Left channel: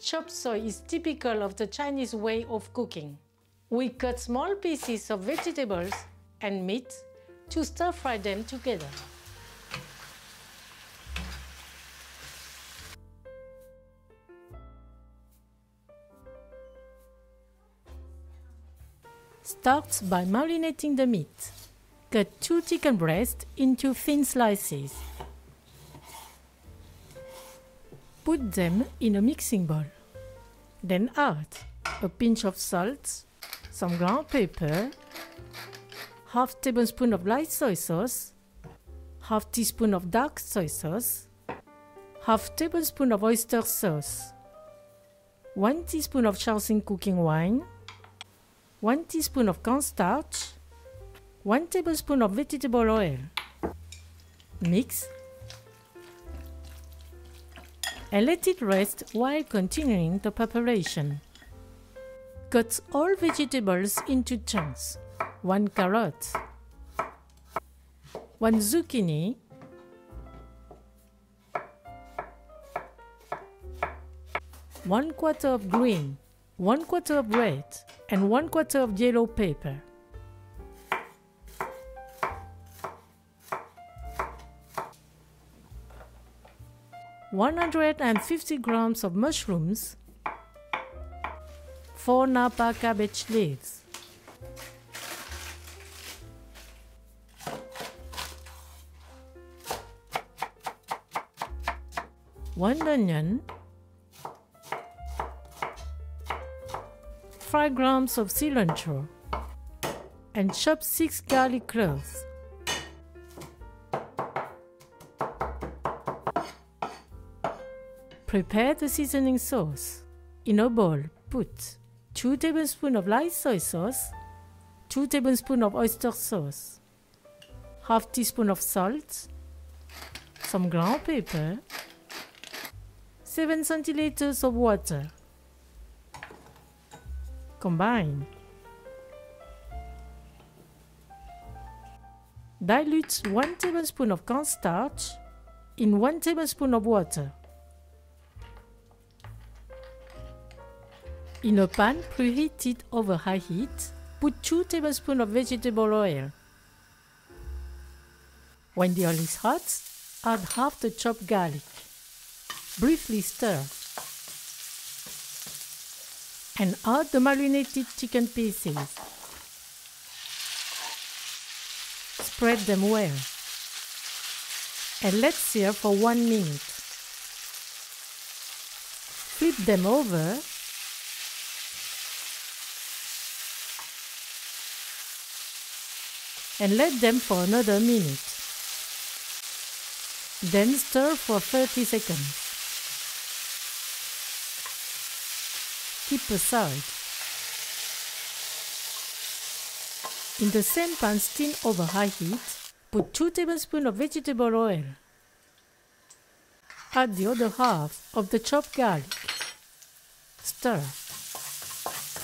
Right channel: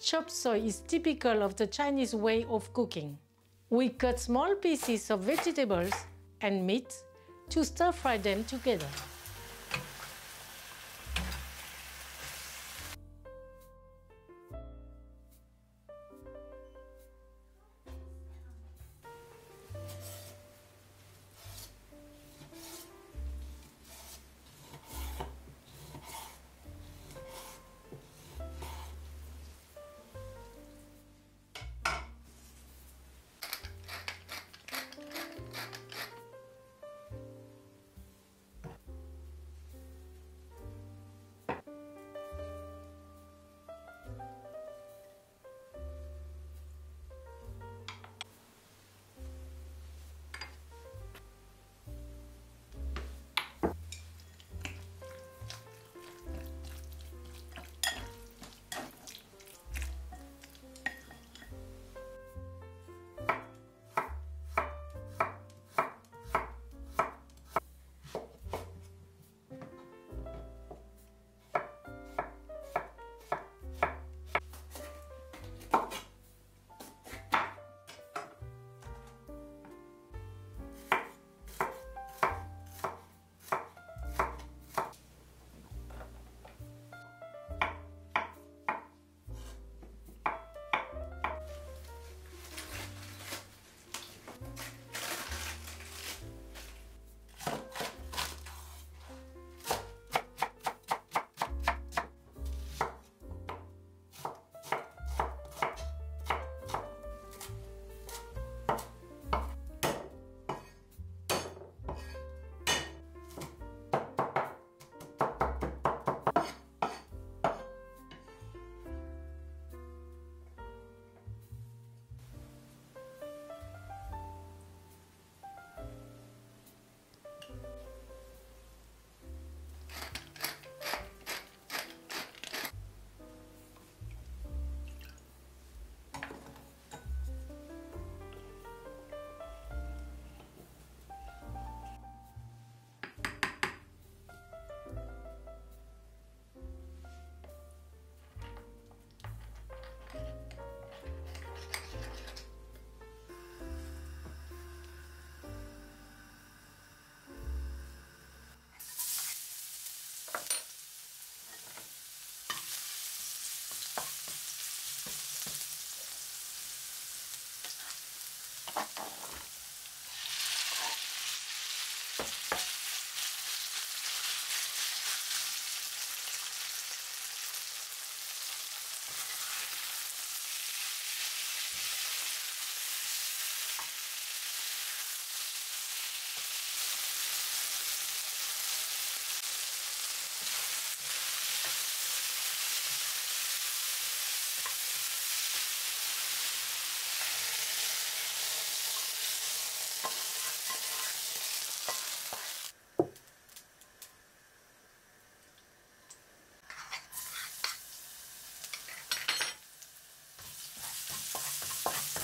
Chop suey is typical of the Chinese way of cooking. We cut small pieces of vegetables and meat to stir-fry them together. Start by marinating the meat. Cut 2 chicken breasts into thin slices. Put them in a mixing bowl. Then add a pinch of salt, some ground pepper, half tablespoon of light soy sauce, half teaspoon of dark soy sauce, half tablespoon of oyster sauce, 1 teaspoon of shaoxing cooking wine, 1 teaspoon of cornstarch, 1 tablespoon of vegetable oil. Mix and let it rest while continuing the preparation. Cut all vegetables into chunks. 1 carrot, 1 zucchini, 1/4 of green, 1/4 of red, and 1/4 of yellow pepper. (150 grams of mushrooms), 4 Napa cabbage leaves, 1 onion, 5 grams of cilantro, and chop 6 garlic cloves. Prepare the seasoning sauce. In a bowl, put 2 tablespoons of light soy sauce, 2 tablespoons of oyster sauce, half teaspoon of salt, some ground pepper, 7 centiliters of water. Combine. Dilute 1 tablespoon of cornstarch in 1 tablespoon of water. In a pan preheated over high heat, put 2 tablespoons of vegetable oil. When the oil is hot, add half the chopped garlic. Briefly stir. And add the marinated chicken pieces. Spread them well. And let sear for 1 minute. Flip them over. And let them for another minute. Then stir for 30 seconds. Keep aside. In the same pan steam over high heat, put 2 tablespoons of vegetable oil. Add the other half of the chopped garlic. Stir.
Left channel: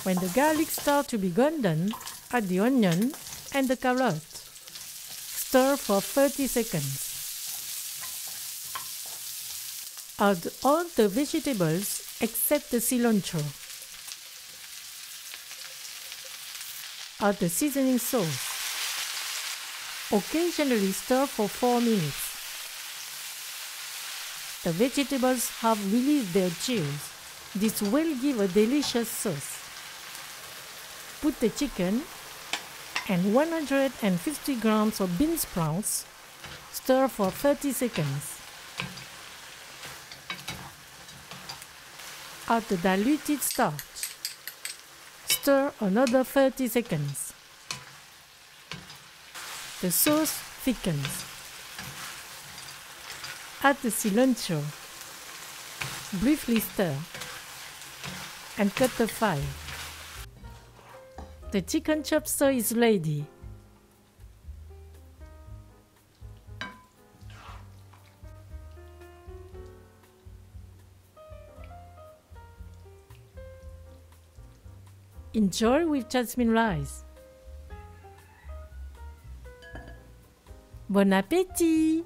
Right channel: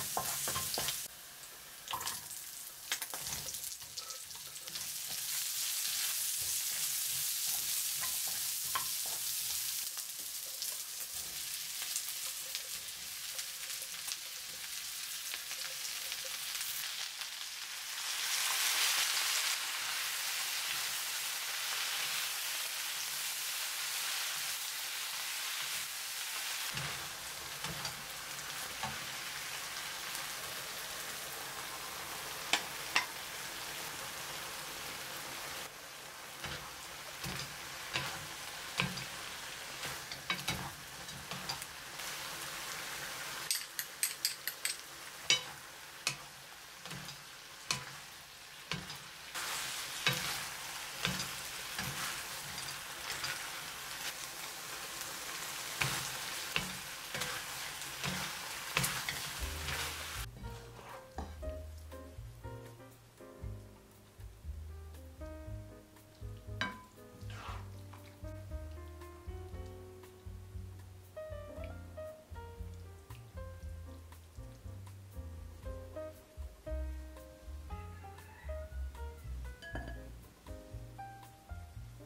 When the garlic starts to be golden, add the onion and the carrot. Stir for 30 seconds. Add all the vegetables except the cilantro. Add the seasoning sauce. Occasionally stir for 4 minutes. The vegetables have released their juice. This will give a delicious sauce. Put the chicken and 150 grams of bean sprouts. Stir for 30 seconds. Add the diluted starch. Stir another 30 seconds. The sauce thickens. Add the cilantro. Briefly stir. And cut the fire. The chicken chop suey is ready. Enjoy with jasmine rice. Bon appétit!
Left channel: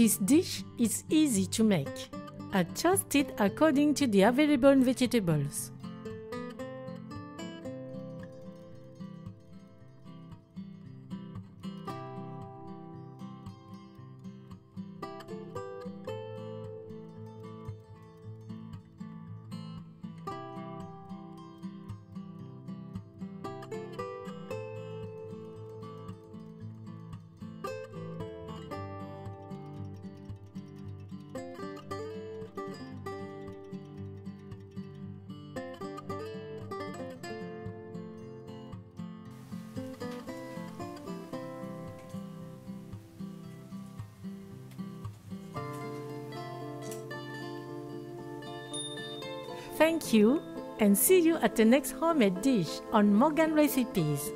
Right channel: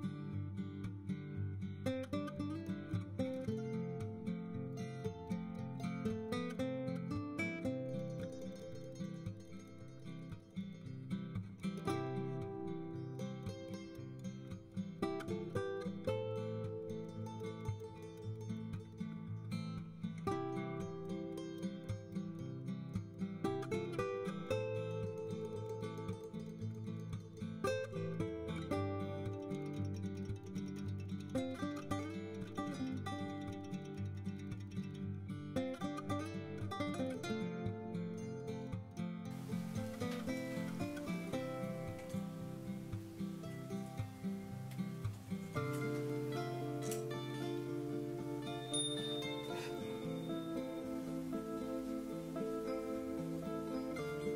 This dish is easy to make. Adjust it according to the available vegetables. Thank you, and see you at the next homemade dish on Morgan Recipes.